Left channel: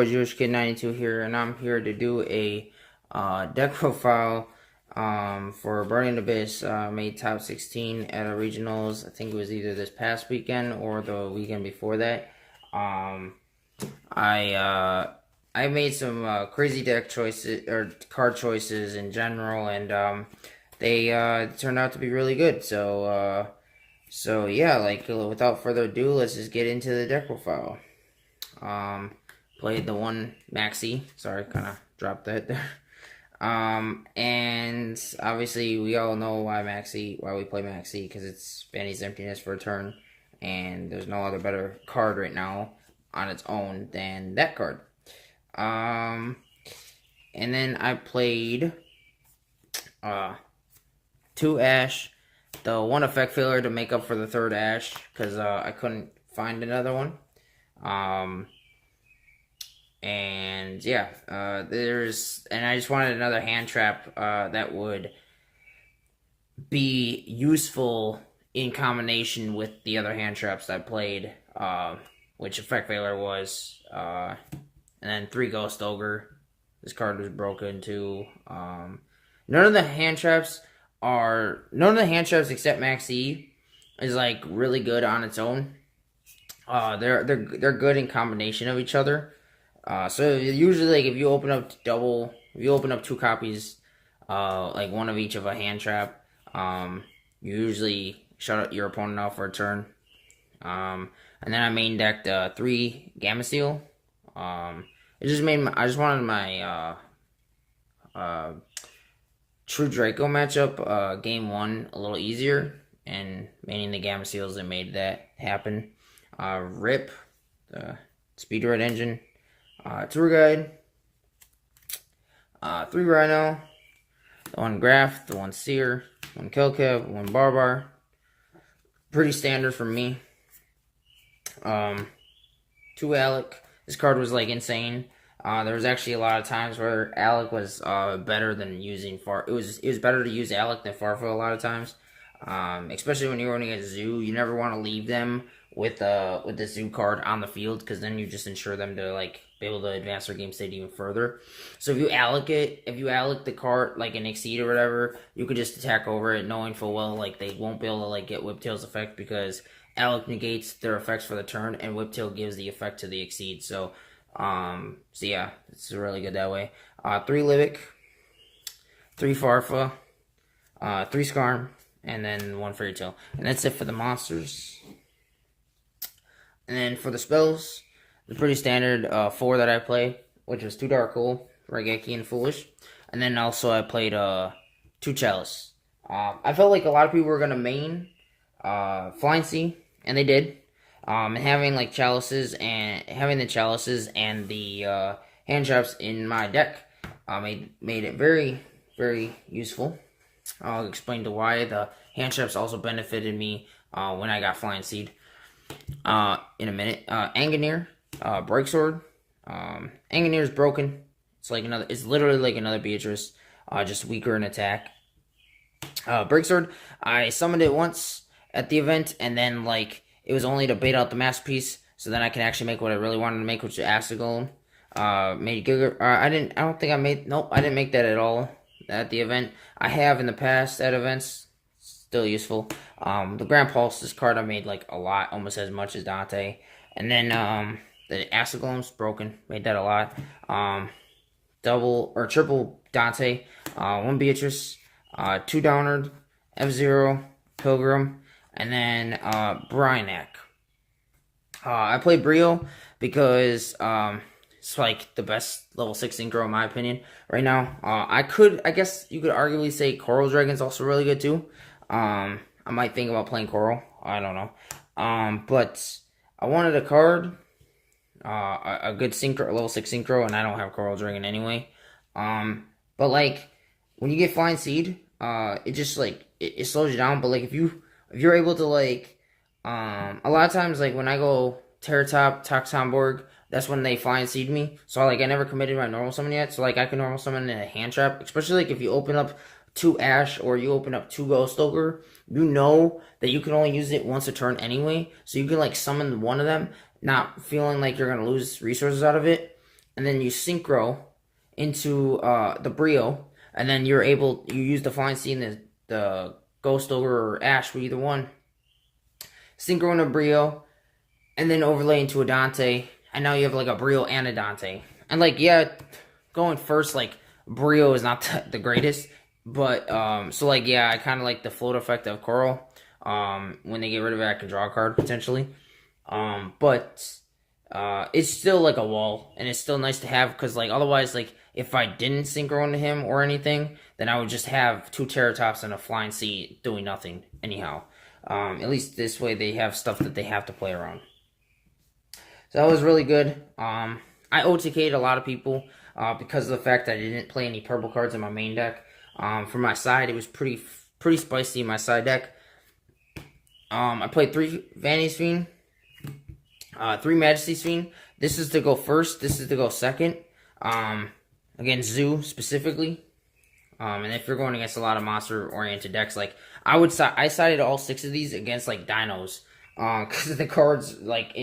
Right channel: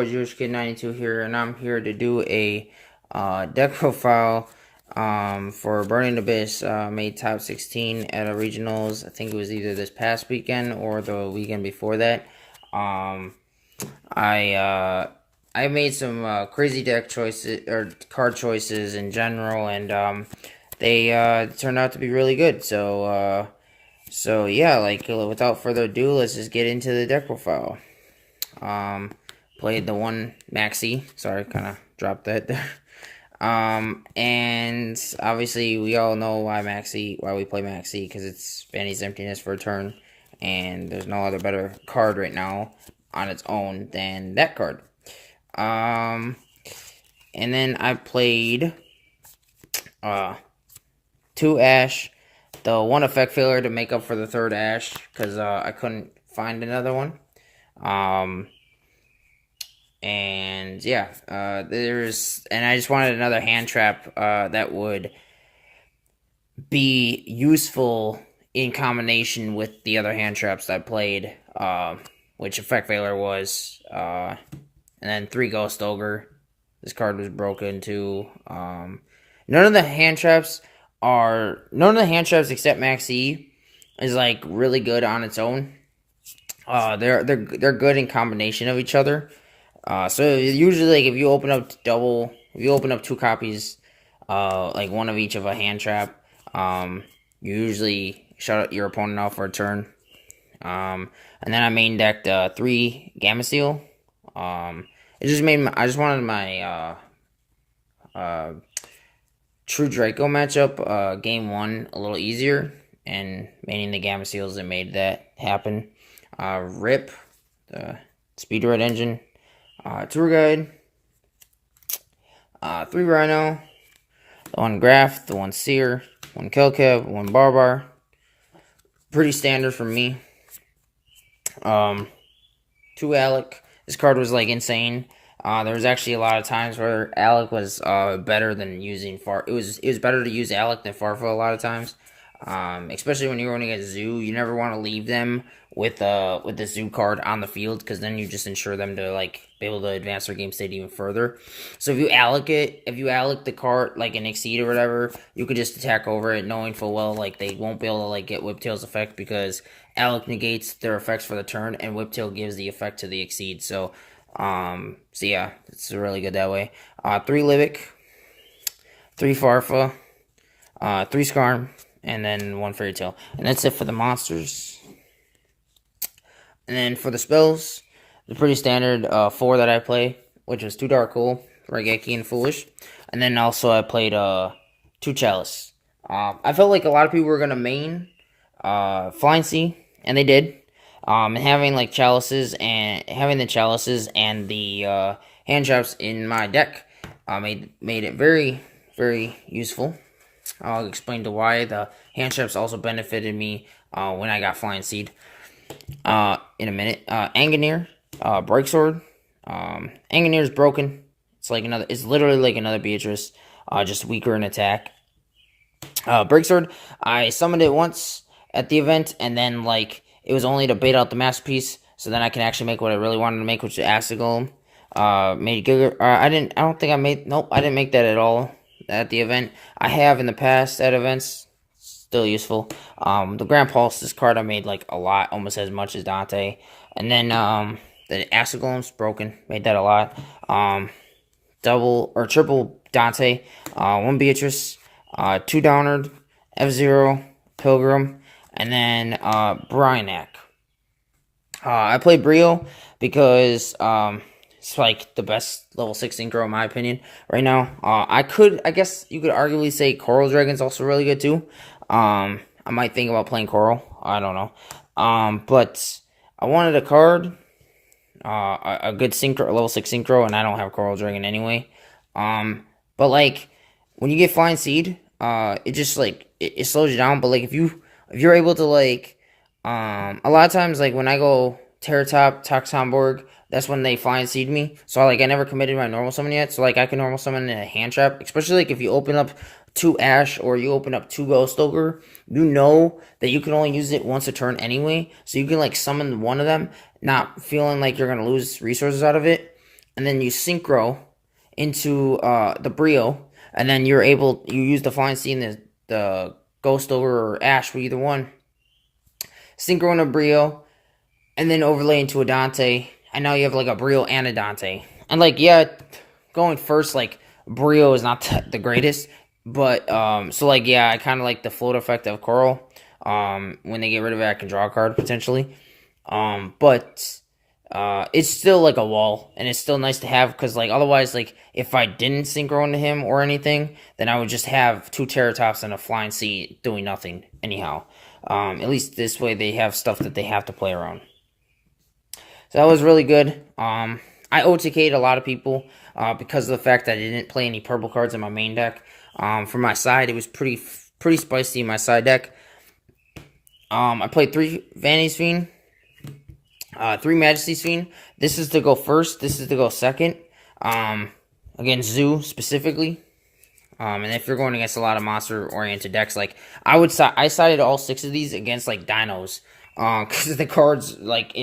boy Jewish Kid 92 here, and I'm here to do a deck profile for Burning Abyss. Made top 16 at a regionals. I think it was either this past weekend or the weekend before that. I made some crazy deck choices or card choices in general, and they turned out to be really good. So yeah, like without further ado, let's just get into the deck profile. Played the one Maxi. Sorry, kind of dropped that there. And obviously we all know why we play Maxi, because it's Vanny's Emptiness for a turn, and there's no other better card right now on its own than that card. And then I played 2 Ash, the 1 effect failure to make up for the 3rd Ash, because I couldn't find another one. And yeah, and I just wanted another hand trap that would be useful in combination with the other hand traps I played, which effect failure was, and then 3 Ghost Ogre. This card was broken too. None of the hand traps except Maxi is like really good on its own. They're good in combination of each other. So usually, like, if you open up 2 copies, like one of each of a hand trap, you usually shut your opponent out for a turn. And then I main decked 3 Gamma Seal. I just wanted my True Draco matchup, game 1, a little easier, and maining the Gamma Seals that made that happen. Rip, the Speed Red Engine. Tour Guide, 3 Rhino, the 1 Graph, the 1 Seer, 1 Kelkev, 1 Barbar. Pretty standard for me. 2 Alec. This card was like insane. There was actually a lot of times where Alec was better than using Far. It was better to use Alec than Farfa a lot of times. Especially when you're running a Zoo, you never want to leave them with the Zoo card on the field, because then you just ensure them to like be able to advance their game state even further. So if you Alec the card like an Exceed or whatever, you could just attack over it, knowing full well like they won't be able to like get Whiptail's effect, because Alec negates their effects for the turn and Whiptail gives the effect to the Exceed. So yeah, it's really good that way. 3 Livic, 3 Farfa, 3 Skarm, and then 1 Fairy Tail. And that's it for the monsters. And then for the spells, the pretty standard 4 that I play, which was 2 Dark Hole, Raigeki, and Foolish. And then also I played 2 Chalice. I felt like a lot of people were going to main Flying Sea, and they did. And having like Chalices and the hand traps in my deck made it very, very useful. I'll explain to why the hand traps also benefited me when I got Flying Seed in a minute. Angineer, Break Sword. Angineer is broken. It's literally like another Beatrice, just weaker in attack. Break Sword, I summoned it once at the event, and then like it was only to bait out the masterpiece, so then I can actually make what I really wanted to make, which is Acid Golem. Made Giga. I didn't make that at all at the event. I have in the past at events. Still useful. The Grand Pulse, this card I made like a lot, almost as much as Dante. And then the Acid Golem's broken. Made that a lot. Double or triple Dante. 1 Beatrice. 2 Downard. F-Zero. Pilgrim. And then Bryanak. I played Brio because it's like the best level 6 synchro in my opinion right now. I guess you could arguably say Coral Dragon's also really good too. I might think about playing Coral. I don't know. But I wanted a card, a good synchro, a level 6 synchro, and I don't have Coral Dragon anyway. But like when you get Flying Seed, it just like it slows you down. But like if you're able to like, a lot of times like when I go Terratop, Toxomborg, that's when they Flying Seed me. So like I never committed my normal summon yet. So like I can normal summon in a hand trap, especially like if you open up 2 Ash or you open up 2 Ghost Ogre, you know that you can only use it once a turn anyway. So you can like summon one of them, not feeling like you're gonna lose resources out of it. and then you synchro into the Brio, and then you use the Flying Seed and the Ghost Ogre or Ash, either one. Synchro into Brio, and then overlay into a Dante, and now you have like a Brio and a Dante. And like, yeah, going first, like, Brio is not the greatest, but so like, yeah, I kind of like the float effect of Coral. When they get rid of it, I can draw a card potentially. But it's still like a wall, and it's still nice to have, because like otherwise, like, if I didn't synchro into him or anything, then I would just have 2 Terratops and a Flying Sea doing nothing anyhow. At least this way they have stuff that they have to play around. So that was really good. I OTK'd a lot of people because of the fact that I didn't play any purple cards in my main deck. For my side, it was pretty spicy in my side deck. I played 3 Vanity's Fiend, 3 Majesty's Fiend. This is to go first. This is to go second. Against Zoo specifically. And if you're going against a lot of monster-oriented decks, like, I sided all 6 of these against, like, dinos. Because the cards, like,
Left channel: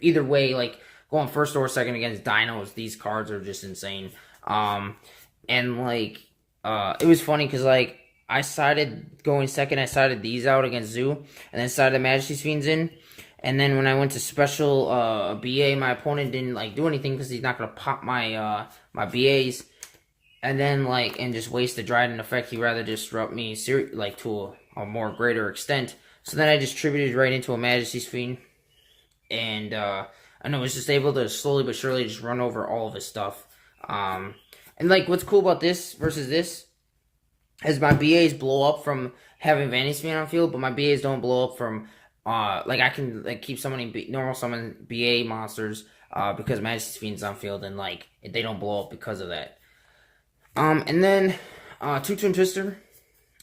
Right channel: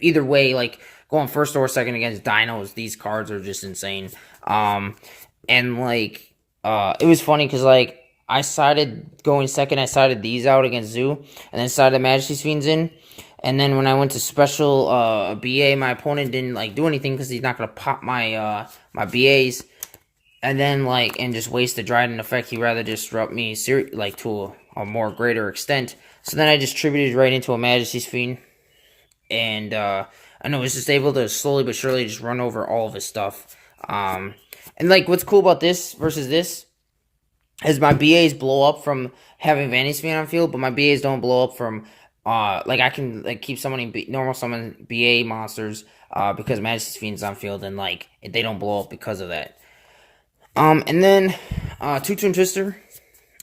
either way, like, going first or second against dinos, these cards are just insane. And, like, it was funny because, like, I sided going second, I sided these out against Zoo, and then sided Majesty's Fiends in. And then when I went to special BA, my opponent didn't, like, do anything because he's not going to pop my my BAs. And then, like, and just waste the Dryden effect. He'd rather disrupt me, like, to a more greater extent. So then I distributed right into a Majesty's Fiend. And, I was just able to slowly but surely just run over all of his stuff. And, like, what's cool about this versus this is my BAs blow up from having Vanity's Fiend on field, but my BAs don't blow up from, like, I can, like, keep summoning normal summon BA monsters, because Majesty's Fiend's on field, and, like, they don't blow up because of that. And then, 2-Tune Twister.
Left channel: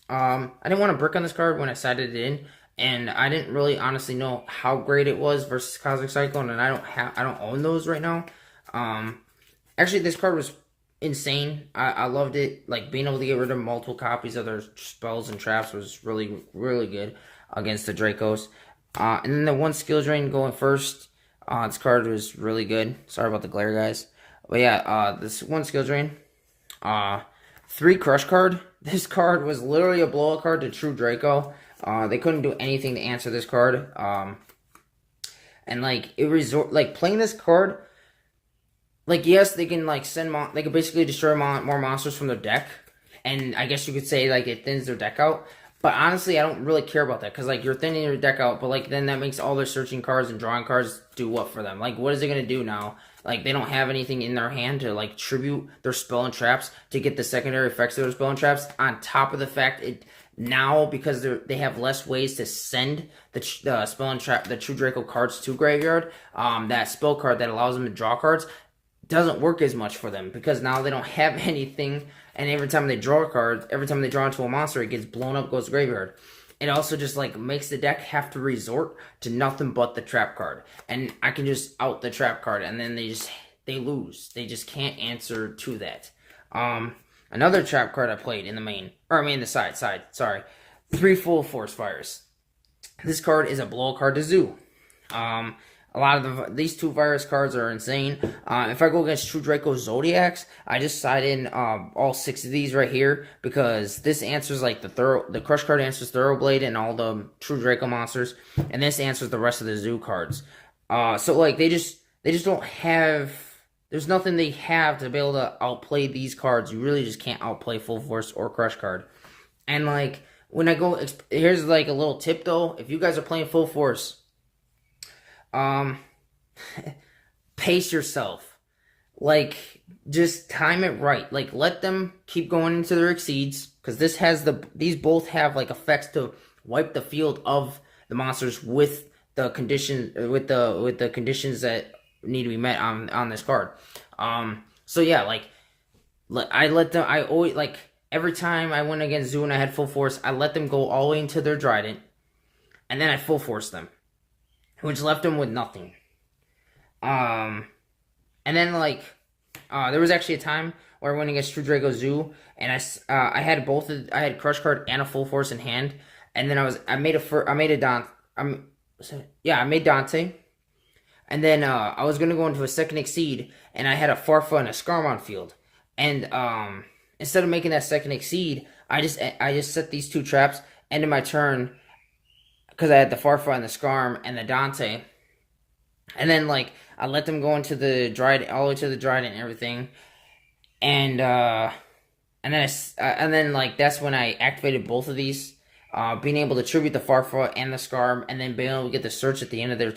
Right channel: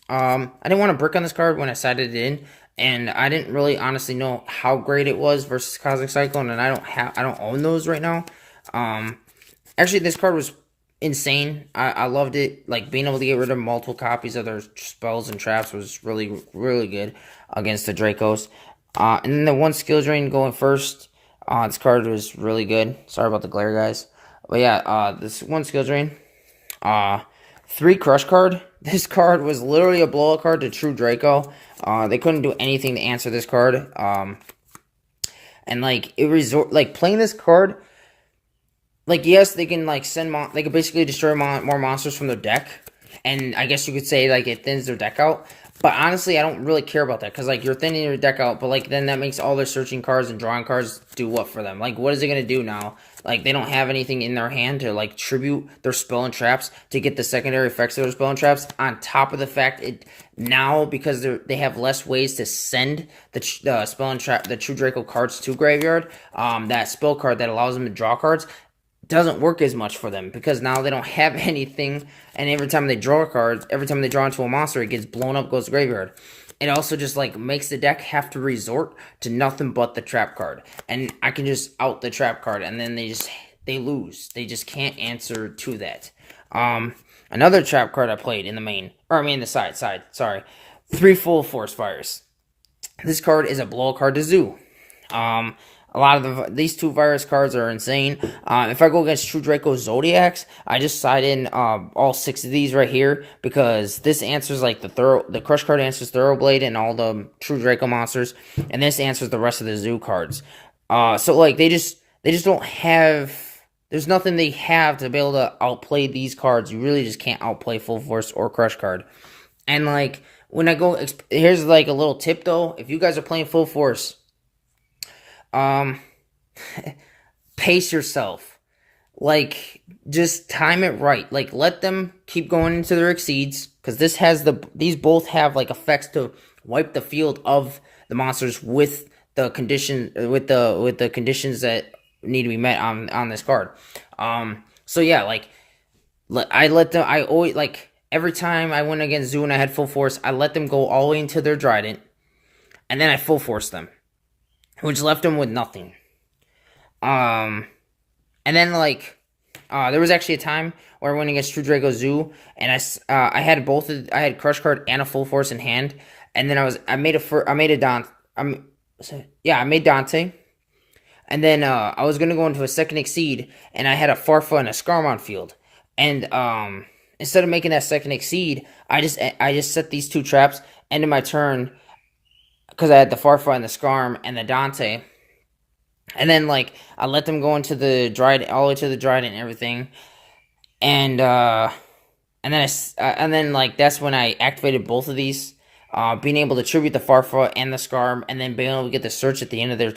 I didn't want to brick on this card when I sided it in, and I didn't really honestly know how great it was versus Cosmic Cyclone, and I don't own those right now. Actually, this card was insane. I loved it. Like, being able to get rid of multiple copies of their spells and traps was really, really good against the Dracos. And then the 1 skill drain going first. This card was really good. Sorry about the glare, guys. But yeah, this 1 skill drain. 3 crush card. This card was literally a blowout card to True Draco. They couldn't do anything to answer this card. And like, playing this card, like, yes, they can, like, they can basically destroy more monsters from their deck, and I guess you could say, like, it thins their deck out. But honestly, I don't really care about that, because, like, you're thinning your deck out, but, like, then that makes all their searching cards and drawing cards do what for them? Like, what is it going to do now? Like, they don't have anything in their hand to, like, tribute their spell and traps to get the secondary effects of their spell and traps, on top of the fact now, because they have less ways to send the spell and trap, the True Draco cards to graveyard, that spell card that allows them to draw cards doesn't work as much for them, because now they don't have anything, and every time they draw cards, every time they draw into a monster, it gets blown up, goes to graveyard. It also just, like, makes the deck have to resort to nothing but the trap card, and I can just out the trap card, and then they lose. They just can't answer to that. Another trap card I played in the main, the side, sorry. 3 Full Force Fires. This card is a blow card to Zoo. A lot of these 2 virus cards are insane. If I go against True Draco Zodiacs, I just side in all 6 of these right here, because this answers, like, the Crush card answers Thoroughblade and all the True Draco monsters, and this answers the rest of the Zoo cards. So, like, they just don't have. There's nothing they have to be able to outplay these cards. You really just can't outplay Full Force or Crush card. And, like, when I go, here's, like, a little tip though. If you guys are playing Full Force, pace yourself. Like, just time it right. Like, let them keep going into their exceeds, because these both have, like, effects to wipe the field of the monsters with the conditions that need to be met on this card. So yeah, like, I always, like, every time I went against Zoo and I had Full Force, I let them go all the way into their Trident, and then I Full Force them, which left them with nothing. And then, like, there was actually a time where I went against True Draco Zoo, and I had I had Crush card and a Full Force in hand, and then I made Dante, And then I was gonna go into a second exceed, and I had a Farfa and a Skarm on field. And instead of making that second exceed, I just set these two traps. Ended my turn because I had the Farfa and the Skarm and the Dante. And then like I let them go into the Dryad, all the way to the Dryad and everything. And and then like that's when I activated both of these, being able to tribute the Farfa and the Skarm, and then being able to get the search at the end of their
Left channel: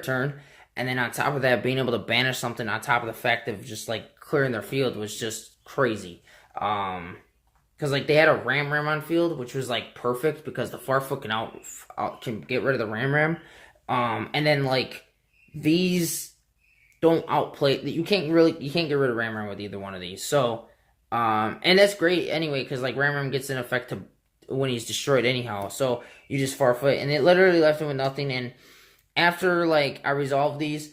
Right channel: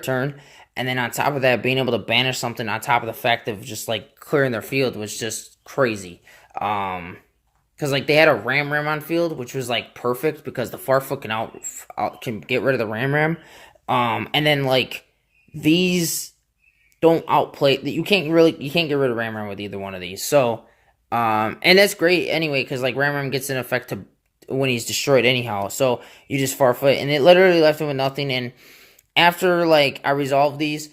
turn. And then on top of that, being able to banish something on top of the fact of just like clearing their field was just crazy. Because like they had a Ram on field, which was like perfect because the Farfa can get rid of the Ram. And then like these don't outplay that. You can't get rid of Ram with either one of these. So and that's great anyway, because like Ram gets an effect to when he's destroyed anyhow. So you just Farfa, and it literally left him with nothing. And after like I resolved these,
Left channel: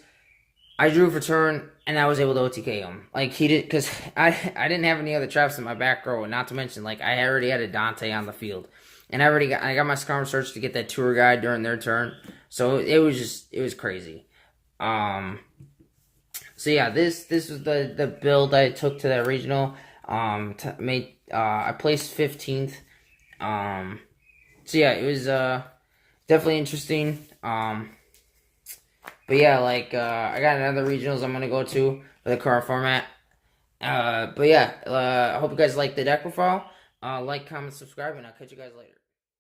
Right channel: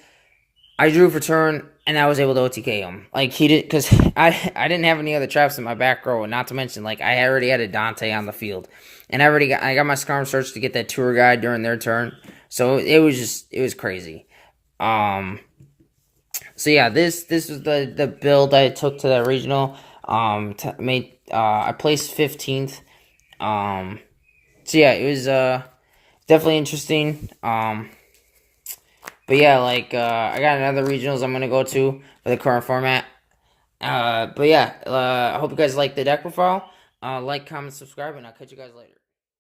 I drew for turn, and I was able to OTK him. Like he did, because I didn't have any other traps in my back row. Not to mention, like I already had a Dante on the field, and I got my Skarm search to get that tour guide during their turn. So it was crazy. So yeah, this is the build I took to that regional. I placed 15th. So yeah, it was definitely interesting. But yeah, like I got another regionals I'm gonna go to for the current format. But yeah, I hope you guys like the deck profile. Like, comment, subscribe, and I'll catch you guys later.